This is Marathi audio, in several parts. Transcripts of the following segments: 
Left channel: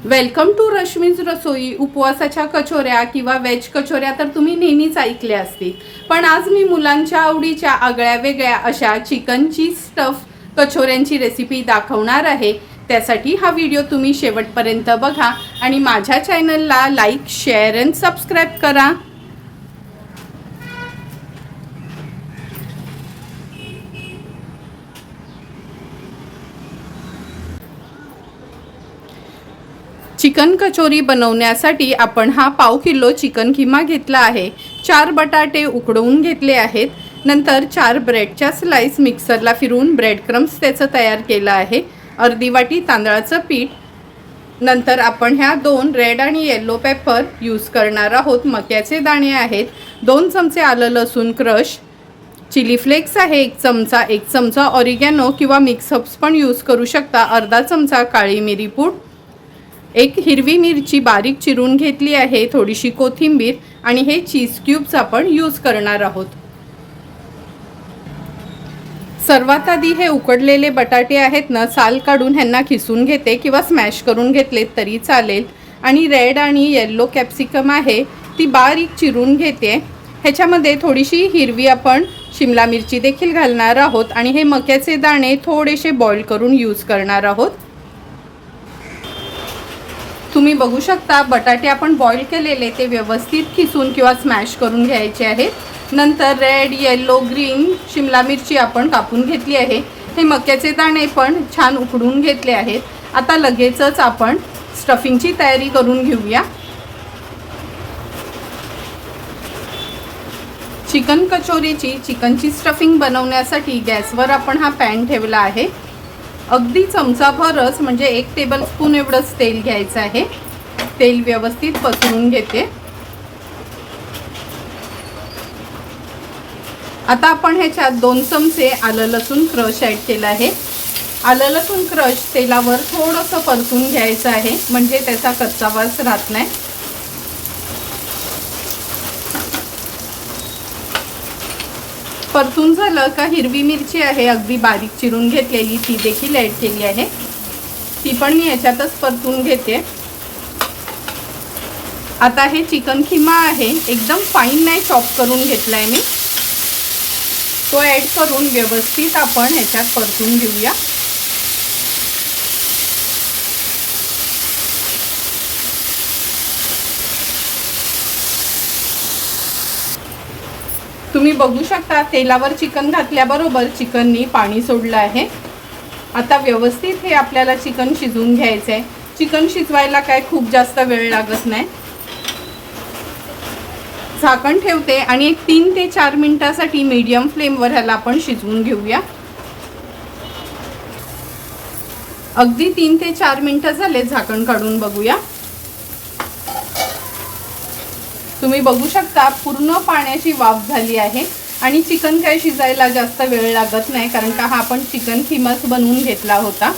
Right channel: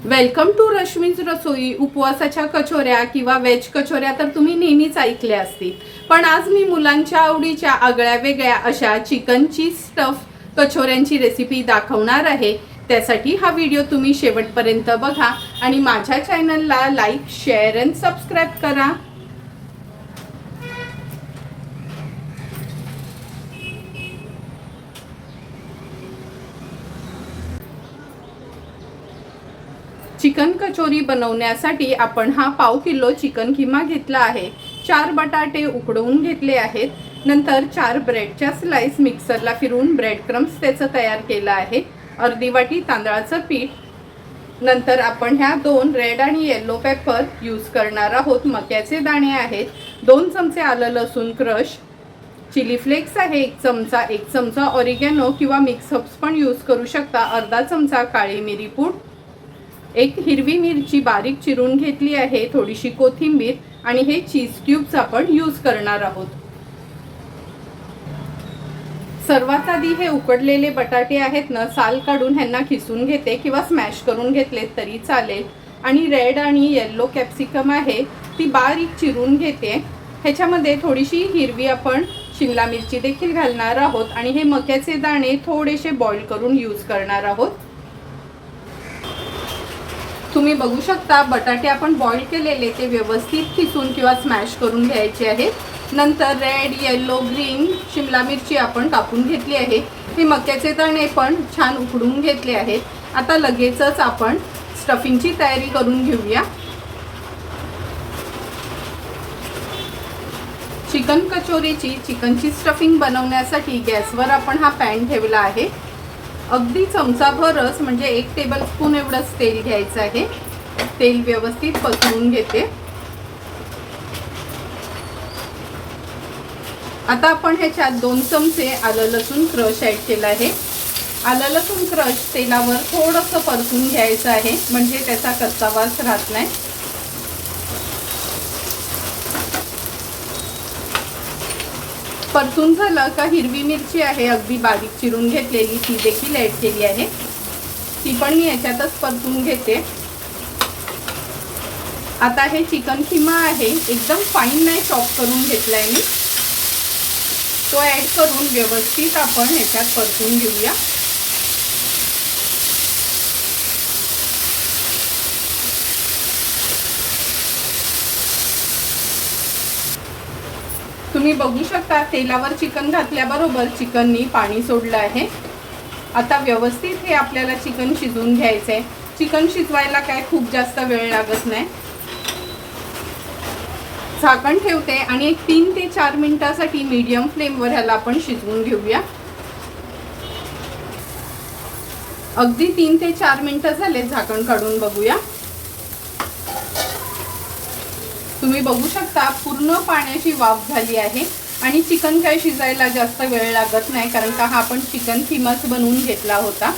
वेलकम टू रश्मीज रसोई। उपवासाच्या कचोऱ्या किंवा वेज कचोऱ्या तर तुम्ही नेहमीच ऐकल्या असतील, पण आज मी मुलांच्या आवडीच्या आगळ्या वेगळ्या अशा चिकनची स्टफ कचोऱ्यांची रेसिपी दाखवणार आहे। त्यासाठी हा व्हिडिओ तुम्ही शेवटपर्यंत बघा आणि माझ्या चॅनलला लाईक, शेअर आणि सबस्क्राईब करा। चिकन कचोरी बनवण्यासाठी आपण हा पाव किलो चिकन किमा घेतला आहे। 4 बटाटे उकडवून घेतले आहेत। नंतर 4 ब्रेडच्या स्लाइस मिक्सरला फिरवून ब्रेड क्रम्स त्याचं तयार केलं आहे। अर्धी वाटी तांदळाचं पीठ। नंतर आपण ह्या 2 रेड आणि येलो पेपर यूज करणार आहोत। मक्याचे दाणे आहेत, 2 चमचे आलं लसूण क्रश, चिली फ्लेक्स आहे 1 चमचा ऑरिगॅनो किंवा मिक्स हर्ब्स पण यूज करू शकता, अर्धा चमचा काळी मिरी पूड, 1 हिरवी मिरची बारीक चिरून घेतली आहे, थोडीशी कोथिंबीर आणि हे चीज क्यूब्स आपण यूज करणार आहोत। सर्वात आधी हे उकडलेले बटाटे आहेत ना, साल काढून ह्यांना खिसून घेते किंवा स्मॅश करून घेतले तरी चालेल। आणि रेड आणि येलो कॅप्सिकम आहे ती बारीक चिरून घेते। ह्याच्यामध्ये थोडीशी हिरवी आपण शिमला मिरची देखील घालणार आहोत आणि हे मक्याचे दाणे थोडेसे बॉईल करून यूज करणार आहोत। तुम्ही बघू शकता बटाटे आपण बॉईल केलेले ते व्यवस्थित खिसून किंवा स्मॅश करून घ्यायचे आहेत। नंतर रेड, येलो, ग्रीन शिमला मिरची आपण कापून घेतली आहे। हे मक्याचे दाणे पण छान उकडून घेतले आहेत। आता लगेचच आपण स्टफिंगची तयारी करून घेऊया। चिकन कचोरीची चिकनची स्टफिंग बनवण्यासाठी गॅसवर आपण हा पॅन ठेवला आहे। अगदी चमचाभरच म्हणजे 1 टेबलस्पून एवढंच तेल घ्यायचं आहे। तेल व्यवस्थित पसरवून घेते। आता आपण ह्याच्यात 2 चमचे आलं लसूण क्रश ॲड केलं आहे। आलं लसूण क्रश तेलावर थोडंसं परतून घ्यायचं आहे म्हणजे त्याचा कच्चा वास राहत नाही। परतून झालं का हिरवी मिरची आहे अगदी बारीक चिरून घेतलेली, ती देखील ॲड केली आहे। ती पण मी याच्यातच परतून घेते। आता हे चिकन किमा आहे एकदम फाईन नाही चॉप करून घेतलाय मी, तो ॲड करून व्यवस्थित आपण ह्याच्यात परतून घेऊया। तुम्ही बघू शकता तेलावर चिकन घातल्याबरोबर चिकननी पाणी सोडलं आहे। आता व्यवस्थित हे आपल्याला चिकन शिजवून घ्यायचं आहे। चिकन शिजवायला काय खूप जास्त वेळ लागत नाही। झाकण ठेवते आणि एक 3 ते 4 मिनिटासाठी मीडियम फ्लेमवर ह्याला आपण शिजवून घेऊया। अगदी 3 ते 4 मिनिटं झाले, झाकण काढून बघूया। तुम्ही बघू शकता पूर्ण पाण्याची वाफ झाली आहे आणि चिकन काय शिजायला जास्त वेळ लागत नाही कारण का हा आपण चिकन किमाच बनवून घेतला होता।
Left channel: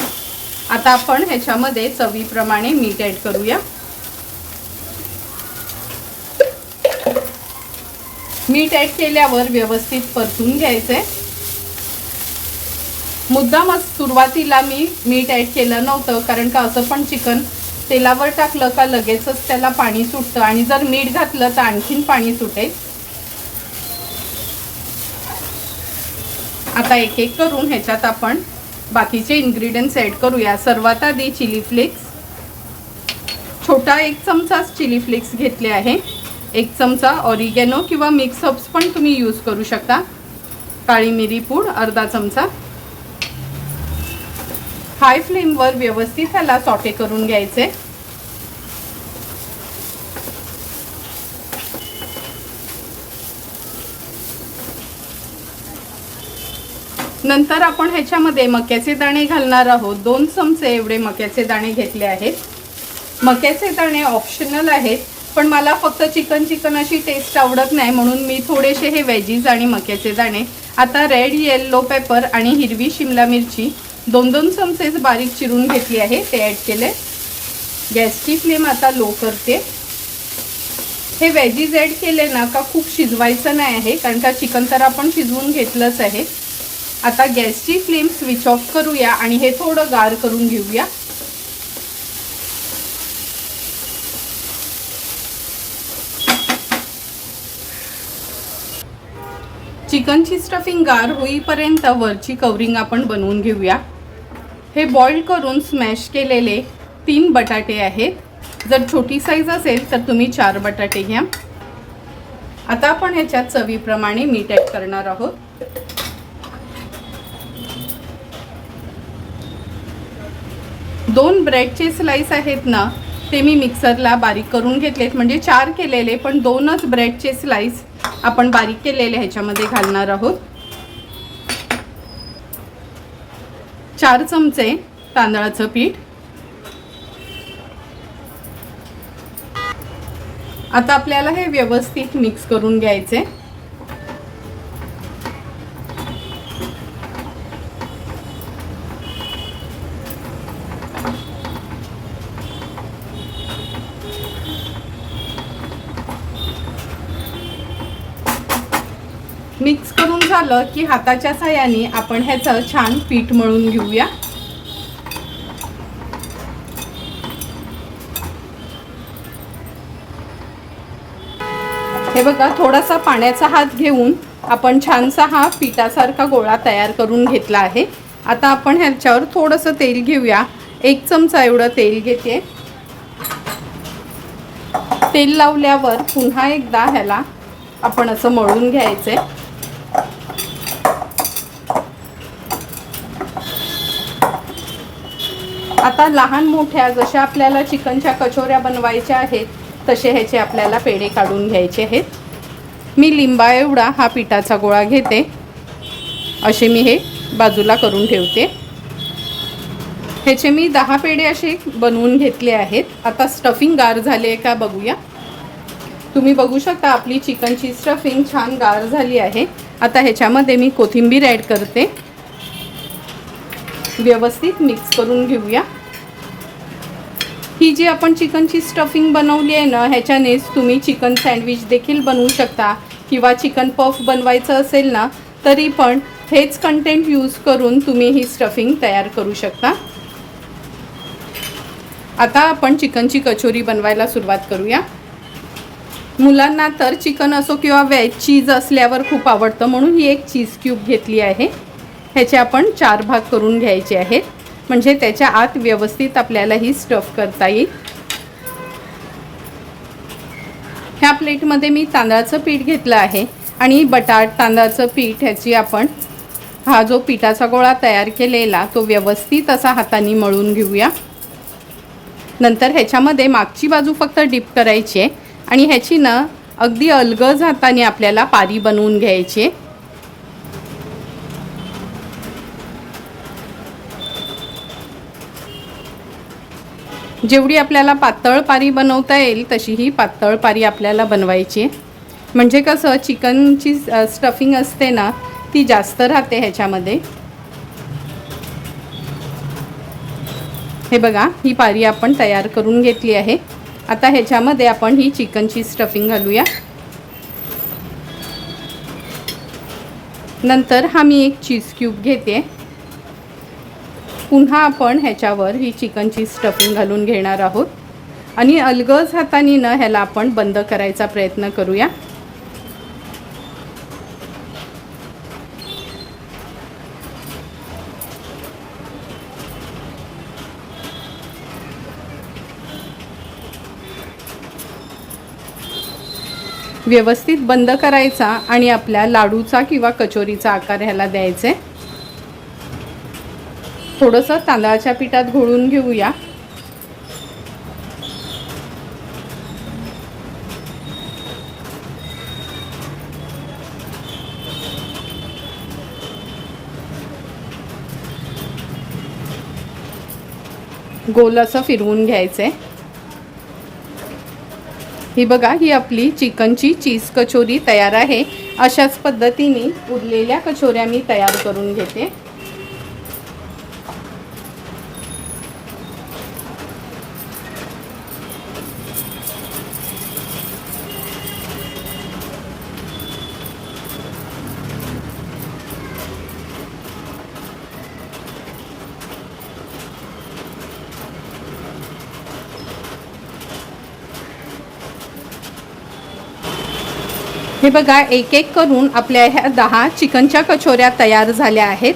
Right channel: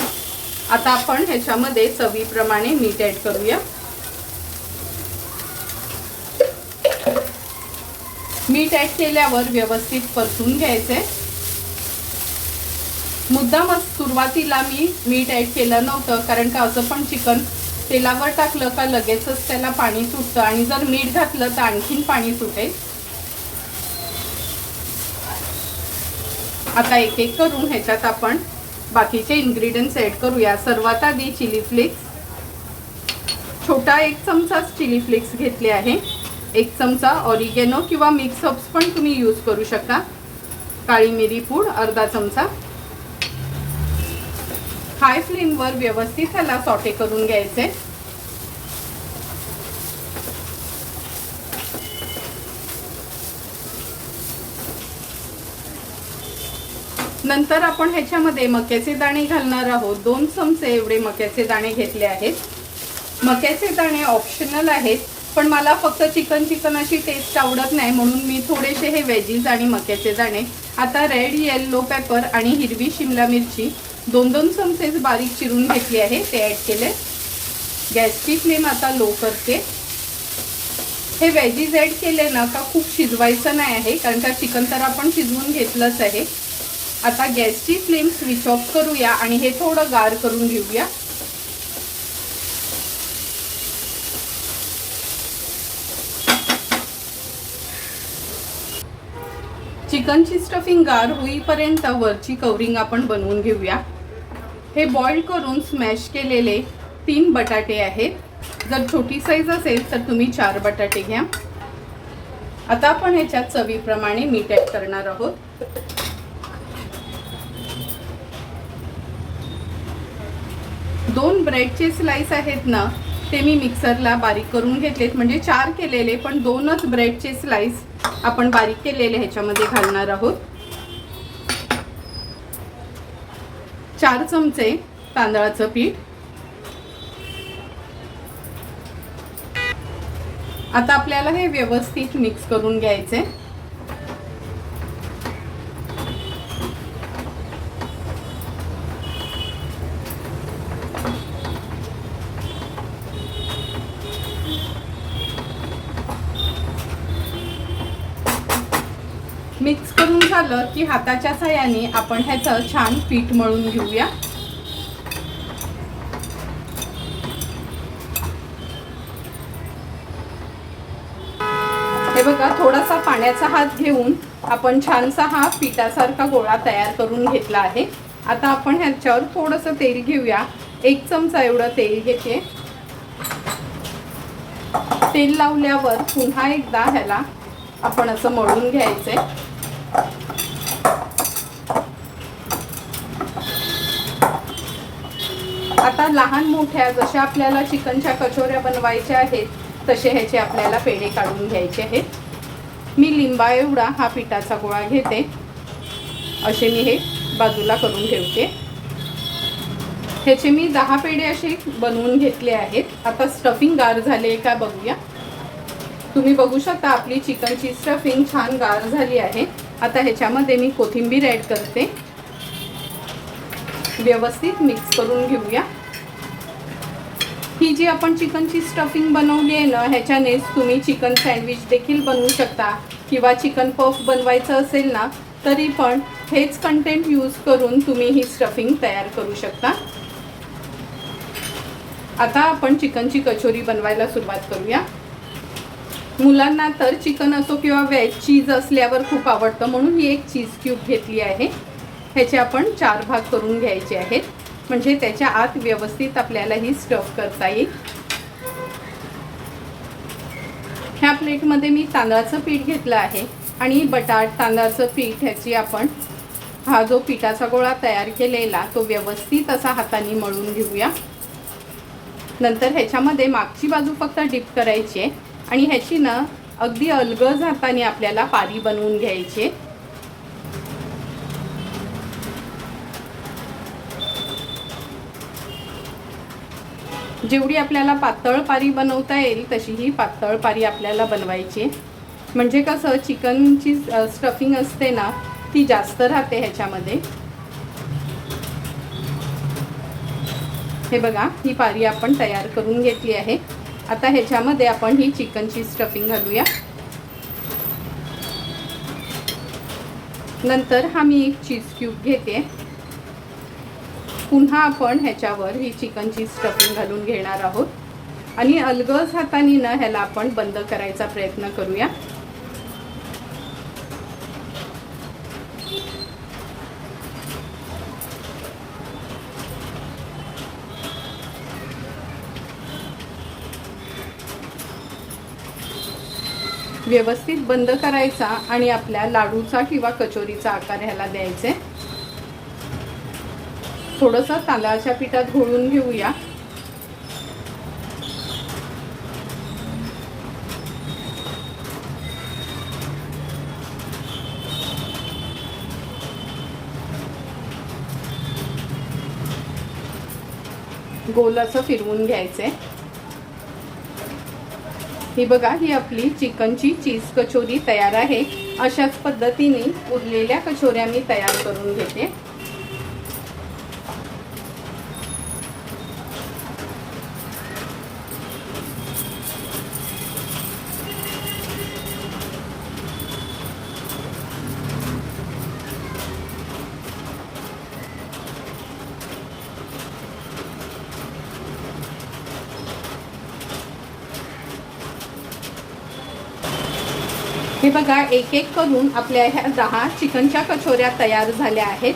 आता आपण ह्याच्यामध्ये चवीप्रमाणे मीठ ॲड करूया। मीठ ॲड केल्यावर व्यवस्थित परतून घ्यायचे। मुद्दामच सुरुवातीला मी मीठ ॲड केलं नव्हतं कारण का असं पण चिकन तेलावर टाकलं का लगेचच त्याला पाणी सुटतं आणि जर मीठ घातलं तर आणखीन पाणी सुटेल। आता एक एक करून ह्याच्यात आपण बाकीचे इन्ग्रेडियंट्स ॲड करूया। सर्वात आधी चिली फ्लेक्स, छोटा 1 चमचा चिली फ्लेक्स घेतले आहे। 1 चमचा ऑरिगॅनो किंवा मिक्स हर्ब्स पण तुम्ही यूज करू शकता। काळी मिरी पूड अर्धा चमचा। हाय फ्लेमवर व्यवस्थित ह्याला सॉटे करून घ्यायचे। नंतर आपण ह्याच्यामध्ये मक्याचे दाणे घालणार आहोत। 2 चमचे एवढे मक्याचे दाणे घेतले आहेत। मक्याचे दाणे ऑप्शनल आहेत, पण मला फक्त चिकन अशी टेस्ट आवडत नाही म्हणून मी थोडेसे हे वेजीज आणि मक्याचे दाणे। आता रेड, येलो पेपर आणि हिरवी शिमला मिरची 2-2 चमचे बारीक चिरून घेतली आहे, ते ॲड केले। गॅसची फ्लेम आता लो करते। हे वेजीज ॲड केले ना का खूप शिजवायचं नाही आहे कारण का चिकन तर आपण शिजवून घेतलंच आहे। आता गॅसची फ्लेम स्विच ऑफ करूया आणि हे थोडं गार करून घेऊया। चिकनची स्टफिंग गार होईपर्यंत वरची कवरिंग आपण बनवून घेऊया। हे बॉईल करून स्मॅश केलेले 3 बटाटे आहेत। जर छोटी साईज असेल तर तुम्ही 4 बटाटे घ्या। आता आपण ह्याच्यात चवीप्रमाणे मीठ ॲड करणार आहोत। दोन ब्रेडचे स्लाइस आहेत ना, ते मी मिक्सरला बारीक करून घेतलेत। म्हणजे 4 केलेले पण 2च ब्रेडचे स्लाइस आपण बारीक केलेले ह्याच्यामध्ये घालणार आहोत। 4 चमचे तांदळाचं पीठ। आता आपल्याला हे व्यवस्थित मिक्स करून घ्यायचे। मिक्स करून झालं की हाताच्या साहाय्याने आपण ह्याचं छान पीठ मळून घेऊया। हे बघा, थोडासा पाण्याचा हात घेऊन आपण छानसा हा पिठासारखा गोळा तयार करून घेतला आहे। आता आपण ह्याच्यावर थोडंसं तेल घेऊया। 1 चमचा एवढं तेल घेते। तेल लावल्यावर पुन्हा एकदा ह्याला आपण असं मळून घ्यायचे। आता लहान मोठ्या जशा आपल्याला चिकनच्या कचोऱ्या बनवायच्या आहेत तसे ह्याचे आपल्याला पेढे काढून घ्यायचे आहेत। मी लिंबा एवढा हा पिठाचा गोळा घेते। असे मी हे बाजूला करून ठेवते। ह्याचे मी 10 पेढे असे बनवून घेतले आहेत। आता स्टफिंग गार झाली आहे का बघूया। तुम्ही बघू शकता आपली चिकनची स्टफिंग छान गार झाली आहे। आता ह्याच्यामध्ये मी कोथिंबीर ॲड करते। व्यवस्थित मिक्स करून घेऊया। ही जी आपण चिकनची स्टफिंग बनवली आहे ना, ह्याच्यानेच तुम्ही चिकन सँडविच देखील बनवू शकता किंवा चिकन पफ बनवायचं असेल ना तरी पण हेच कंटेंट यूज करून तुम्ही ही स्टफिंग तयार करू शकता। आता आपण चिकनची कचोरी बनवायला सुरुवात करूया। मुलांना तर चिकन असो किंवा व्हेज चीज असल्यावर खूप आवडतं, म्हणून ही एक चीज क्यूब घेतली आहे। ह्याचे आपण 4 भाग करून घ्यायचे आहेत, म्हणजे त्याच्या आत व्यवस्थित आपल्याला ही स्टफ करता येईल। ह्या प्लेटमध्ये मी तांदळाचं पीठ घेतलं आहे आणि तांदळाचं पीठ ह्याची आपण हा जो पिठाचा गोळा तयार केलेला तो व्यवस्थित असा हाताने मळून घेऊया। नंतर ह्याच्यामध्ये मागची बाजू फक्त डिप करायची आहे आणि ह्याची ना अगदी अलगद हाताने आपल्याला पारी बनवून घ्यायची आहे। जेवढी आपल्याला पातळ पारी बनवता येईल तशी ही पातळ पारी आपल्याला बनवायची आहे। म्हणजे कसं चिकनची स्टफिंग असते ना ती जास्त राहते ह्याच्यामध्ये। हे बघा, ही पारी आपण तयार करून घेतली आहे। आता ह्याच्यामध्ये आपण ही चिकनची स्टफिंग घालूया। नंतर हा मी एक चीज क्यूब घेते। पुन्हा आपण ह्याच्यावर ही चिकनची स्टफिंग घालून घेणार आहोत आणि अलगद हाताने ना ह्याला आपण बंद करायचा प्रयत्न करूया। व्यवस्थित बंद करायचा आणि आपल्या लाडूचा किंवा कचोरीचा आकार ह्याला द्यायचे। थोडंसं तांदळाच्या पिठात घोळून घेऊया। गोल असं फिरवून घ्यायचंय। ही बघा, ही आपली चिकनची चीज कचोरी तयार आहे। अशाच पद्धतीने उरलेल्या कचोऱ्या मी तयार करून घेते। हे बघा, एक एक करून आपल्या ह्या 10 चिकनच्या कचोऱ्या तयार झाल्या आहेत.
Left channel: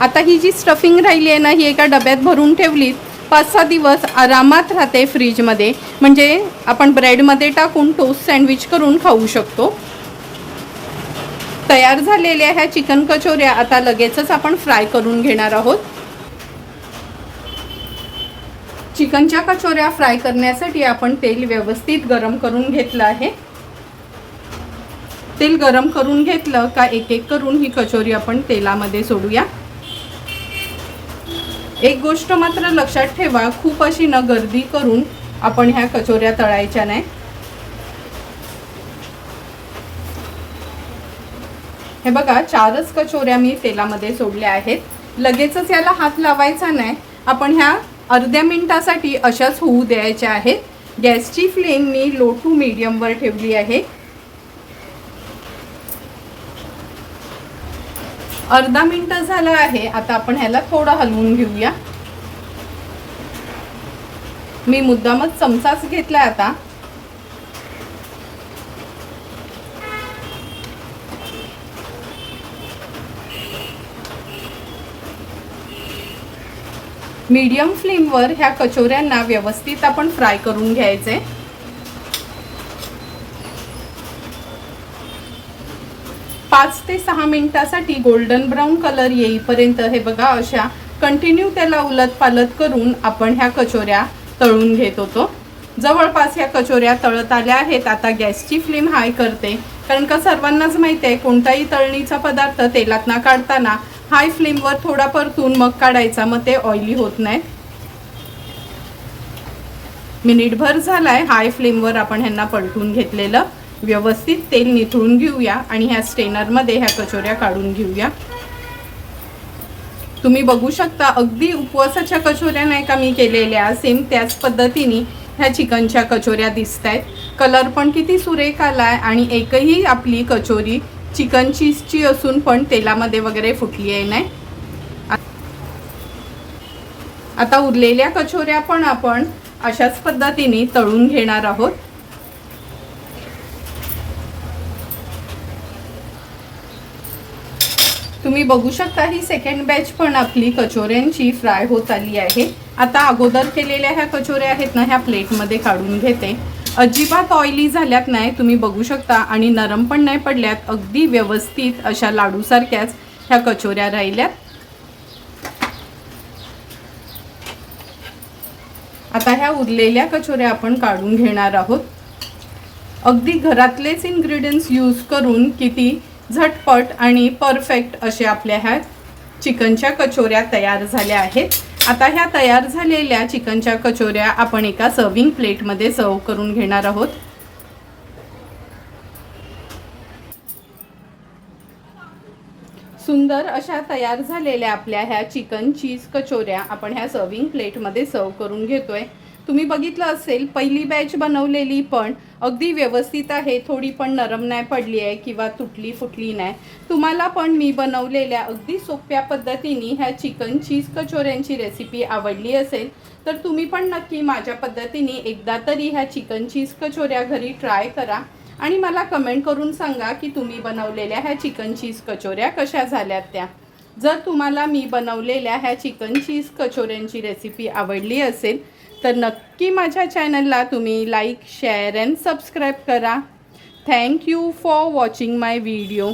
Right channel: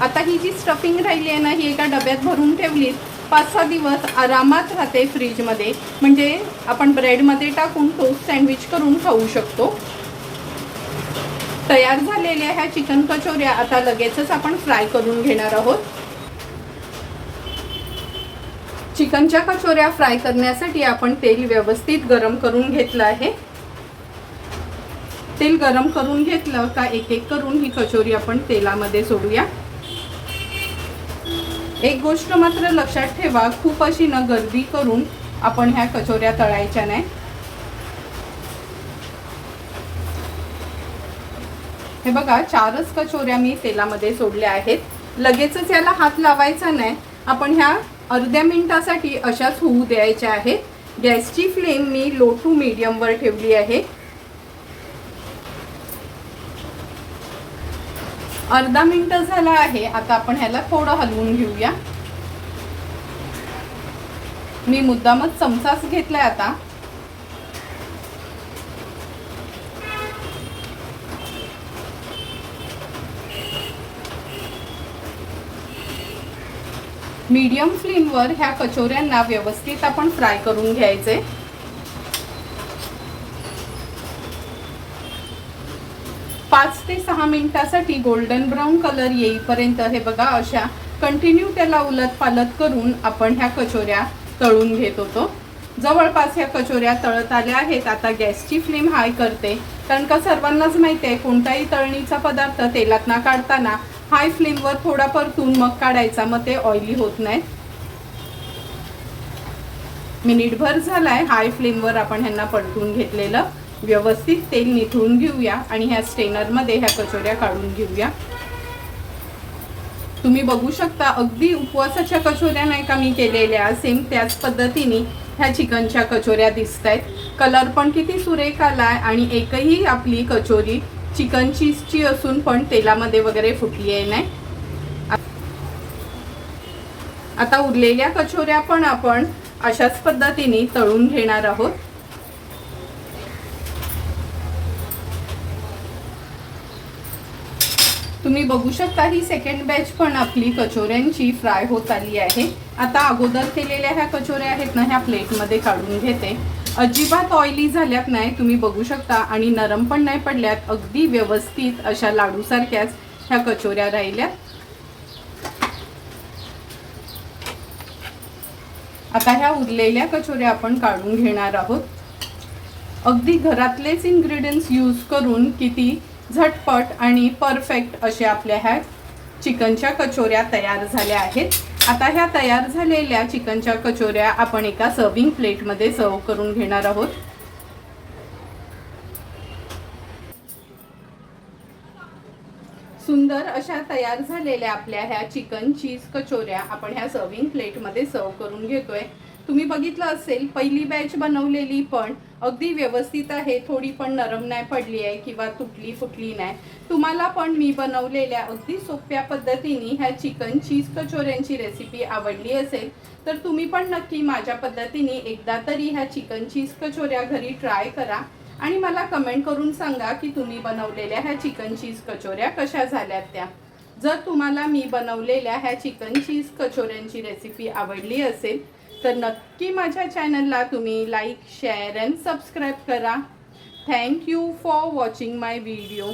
आता ही जी स्टफिंग राहिली आहे ना, ही एका डब्यात भरून ठेवलीत 5-6 दिवस आरामात राहते फ्रीजमध्ये. म्हणजे आपण ब्रेडमध्ये टाकून टोस्ट सँडविच करून खाऊ शकतो. तयार झालेल्या ह्या चिकन कचोऱ्या आता लगेचच आपण फ्राय करून घेणार आहोत. चिकनच्या कचोऱ्या फ्राय करण्यासाठी आपण तेल व्यवस्थित गरम करून घेतलं आहे. तेल गरम करून घेतलं का एक एक करून ही कचोरी आपण तेलामध्ये सोडूया. एक गोष्ट मात्र लक्षात ठेवा, खूप अशी न गर्दी करून आपण ह्या कचोऱ्या तळायच्या नाही. हे बघा, 4च कचोऱ्या मी तेलामध्ये सोडल्या आहेत. लगेचच याला हात लावायचा नाही. आपण ह्या अर्ध्या मिनिटासाठी अशाच होऊ द्यायच्या आहेत. गॅसची फ्लेम मी लो टू मीडियम वर ठेवली आहे. अर्धा मिनिट झाला आहे. आता आपण ह्याला थोडं हलवून घेऊया. मी मुद्दामच चमचाच घेतलाय. आता मीडियम फ्लेमवर ह्या कचोऱ्यांना व्यवस्थित आपण फ्राय करून घ्यायचे. पाच ते 6 मिनिटासाठी गोल्डन ब्राऊन कलर येईपर्यंत हे बघा अशा कंटिन्यू त्याला उलट पालट करून आपण ह्या कचोऱ्या तळून घेत होतो. जवळपास ह्या कचोऱ्या तळत आल्या आहेत. आता गॅसची फ्लेम हाय करते, कारण का सर्वांनाच माहिती आहे कोणताही तळणीचा पदार्थ तेलातनं काढताना हाय फ्लेमवर थोडा परतून मग काढायचा, मग ते ऑइली होत नाही. मिनिटभर झालाय हाय फ्लेमवर आपण ह्यांना पलटून घेतलेलं. व्यवस्थित तेल निथळून घेऊया आणि ह्या स्ट्रेनरमध्ये ह्या कचोऱ्या काढून घेऊया. तुम्ही बघू शकता, अगदी उपवासाच्या कचोऱ्या नाही का मी केलेल्या, सेम त्याच पद्धतीने ह्या चिकनच्या कचोऱ्या दिसत आहेत. कलर पण किती सुरेख आलाय आणि एकही आपली कचोरी चिकन चीजची असून पण तेलामध्ये वगैरे फुटली आहे नाही. आता उरलेल्या कचोऱ्या पण आपण अशाच पद्धतीने तळून घेणार आहोत. तुम्ही बघू शकता ही सेकंड बॅच पण आपली कचोऱ्यांची फ्राय होत आली आहे. आता अगोदर केलेल्या ह्या कचोऱ्या आहेत ना, ह्या प्लेटमध्ये काढून घेते. अजिबात ऑइली झाल्यात नाही, तुम्ही बघू शकता, आणि नरम पण नाही पडल्यात. अगदी व्यवस्थित अशा लाडूसारख्याच ह्या कचोऱ्या राहिल्यात. आता ह्या उरलेल्या कचोऱ्या आपण काढून घेणार आहोत. अगदी घरातलेच इन्ग्रेडियंट्स यूज करून किती झटपट आणि परफेक्ट अशा आपल्या ह्या चिकनच्या कचोऱ्या तयार झाल्या आहेत. आता ह्या तयार झालेल्या चिकनच्या कचोऱ्या आपण एका सर्विंग प्लेटमध्ये सर्व करून घेणार आहोत. सुंदर अशा तयार झालेल्या आपल्या ह्या चिकन चीज कचोऱ्या आपण ह्या सर्विंग प्लेटमध्ये सर्व करून घेतोय. तुम्ही बघितलं असेल, पहिली बॅच बनवलेली पण अगदी व्यवस्थित आहे. थोडी पण नरम नाही पडली आहे किंवा तुटली फुटली नाही. तुम्हाला पण मी बनवलेल्या अगदी सोप्या पद्धतीने ह्या चिकन चीज कचोऱ्यांची रेसिपी आवडली असेल तर तुम्ही पण नक्की माझ्या पद्धतीने एकदा तरी ह्या चिकन चीज कचोऱ्या घरी ट्राय करा आणि मला कमेंट करून सांगा की तुम्ही बनवलेल्या ह्या चिकन चीज कचोऱ्या कशा झाल्यात त्या. जर तुम्हाला मी बनवलेल्या ह्या चिकन चीज कचोऱ्यांची रेसिपी आवडली असेल तर नक्की माझ्या चॅनलला तुम्ही लाईक, शेअर अँड सबस्क्राईब करा. Thank you for watching my video.